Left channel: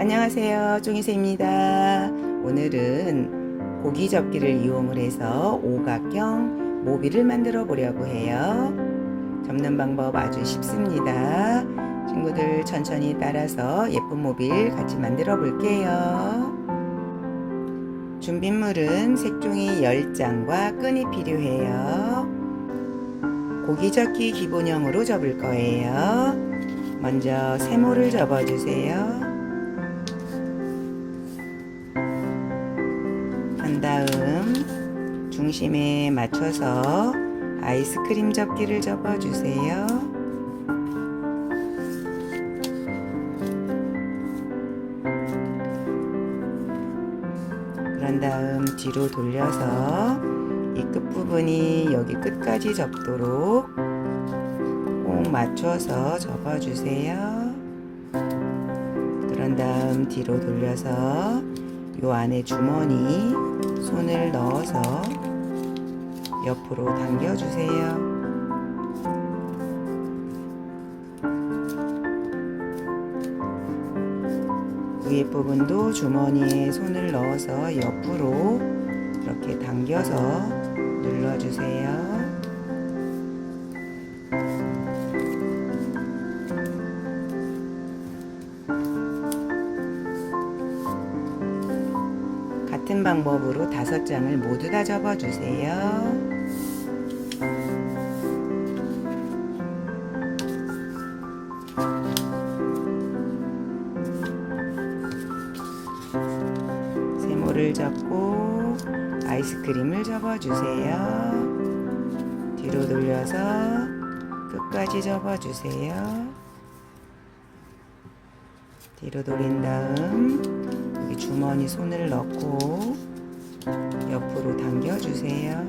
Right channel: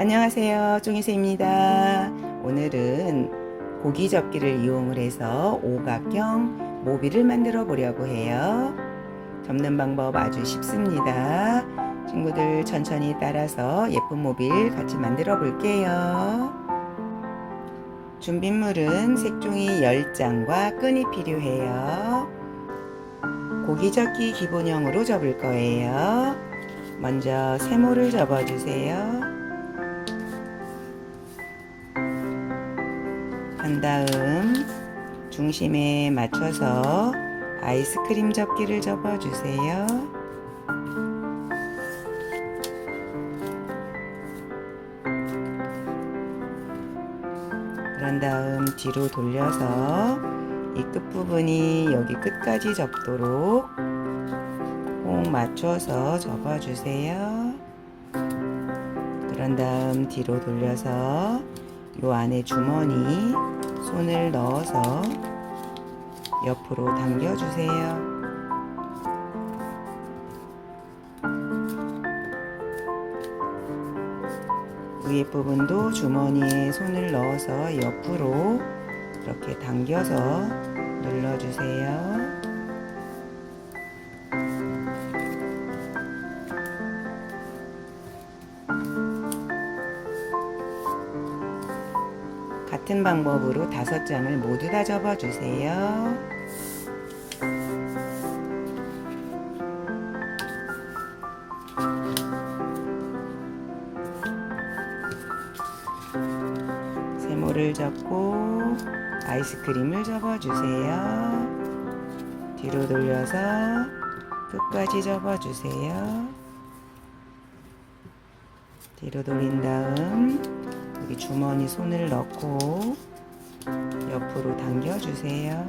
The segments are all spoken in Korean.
안녕하세요. 종이새입니다. 오늘은 고기 접기를 이용을 해서 오각형 모비를 만들어 보려고 해요. 접는 방법 아주 쉽습니다. 친구들 천천히 따라서 예쁜 모빌 같이 만들어 볼게요. 준비물은 색종이 10장과 끈이 필요해요. 고기 접기 기본형으로 접을 거예요. 먼저 세모를 접어주세요. 한 다음 중심에 맞춰서 아이스크림 접기를 접어주세요. 그런 다음 뒤로 돌려서 이 끝부분이 여기 끝까지 접도록 꼭 맞춰서 접어주세요. 그런 다음 뒤로 돌려서 요 안에 주머니 손을 넣어서 옆으로 당겨주세요. 위에 부분도 주머니에 손을 넣어서 옆으로 이렇게 당겨서 눌러주세요. 같은 방법으로 다섯 장을 모두 다 접어주세요. 세모를 접고 아이스크림을 접어주세요. 뒤로 돌려서 끝까지 접어주세요. 뒤로 돌린 다음 여기 주머니 손을 넣고 옆으로 당겨주세요.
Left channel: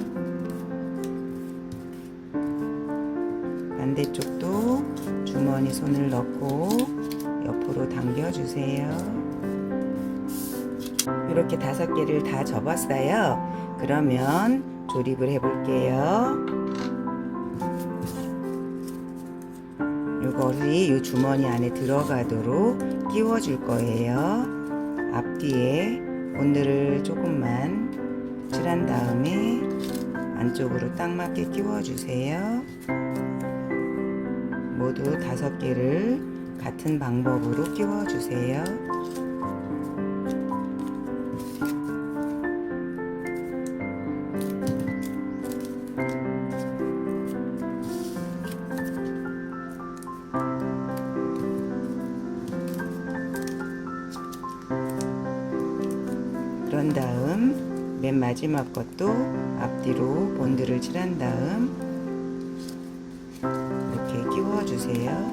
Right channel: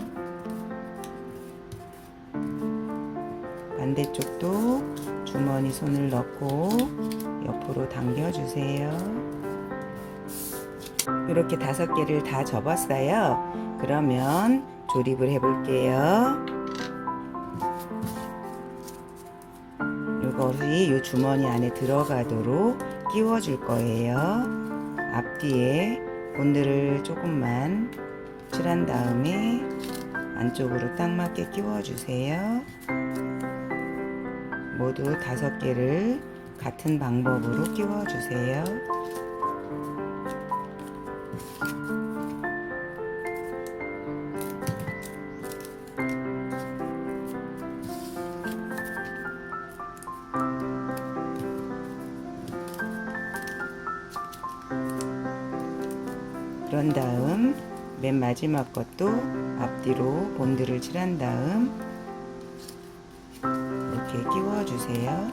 반대쪽도 주머니 손을 넣고 옆으로 당겨주세요. 이렇게 다섯 개를 다 접었어요. 그러면 조립을 해볼게요. 이것이 이 주머니 안에 들어가도록 끼워줄 거예요. 앞뒤에 본드를 조금만 칠한 다음에 안쪽으로 딱 맞게 끼워주세요. 모두 다섯 개를 같은 방법으로 끼워주세요. 그런 다음 맨 마지막 것도 앞뒤로 본드를 칠한 다음 이렇게 끼워 주세요.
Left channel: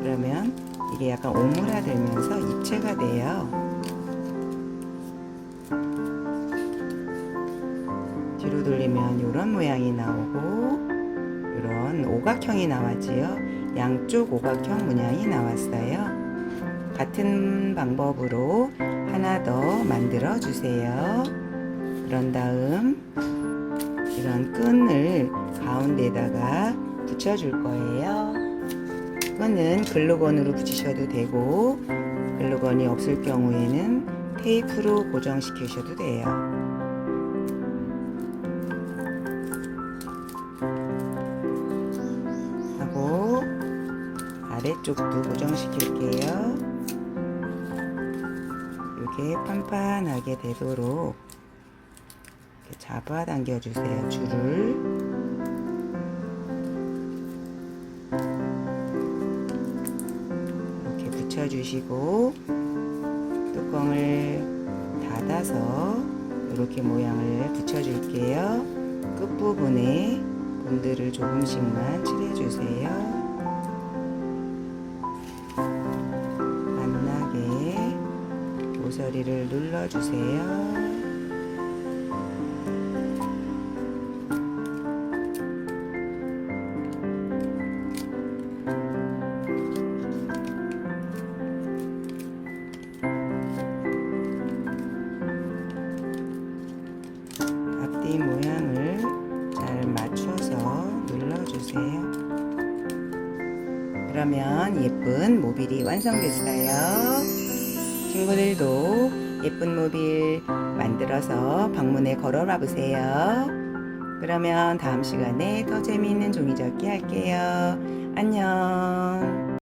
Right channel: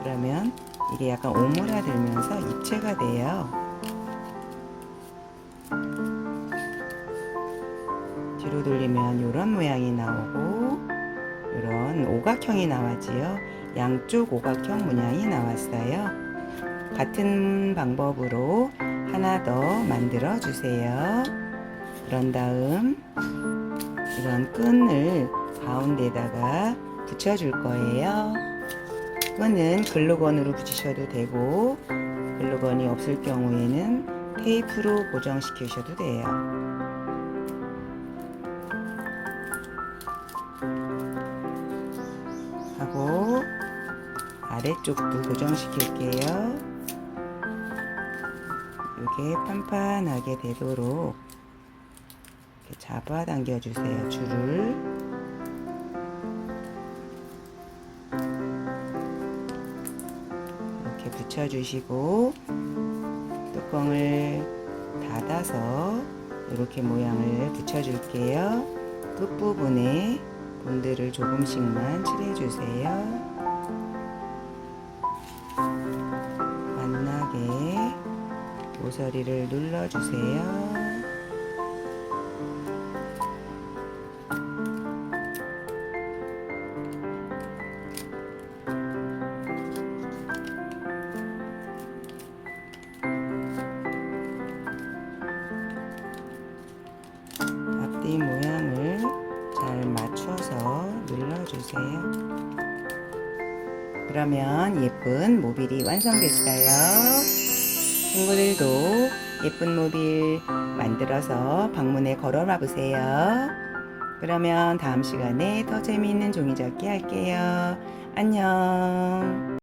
그러면 이게 약간 오므라들면서 입체가 돼요. 뒤로 돌리면 이런 모양이 나오고 이런 오각형이 나왔지요. 양쪽 오각형 문양이 나왔어요. 같은 방법으로 하나 더 만들어 주세요. 그런 다음 이런 끈을 가운데다가 붙여 줄 거예요. 끈은 글루건으로 붙이셔도 되고 글루건이 없을 경우에는 테이프로 고정시키셔도 돼요. 하고 아래쪽도 고정시킬게요. 이게 판판하게 되도록 이렇게 잡아당겨 주세요. 줄을 이렇게 붙여주시고 뚜껑을 닫아서 이렇게 모양을 붙여줄게요. 끝부분에 본드를 조금씩만 칠해주세요. 만나게 모서리를 눌러주세요. 앞뒤 모양을 잘 맞춰서 눌러주세요. 그러면 예쁜 모빌이 완성됐어요. 친구들도 예쁜 모빌 만들어서 방문에 걸어놔 보세요. 그러면 다음 시간에 더 재미있는 종이접기 할게요. 안녕.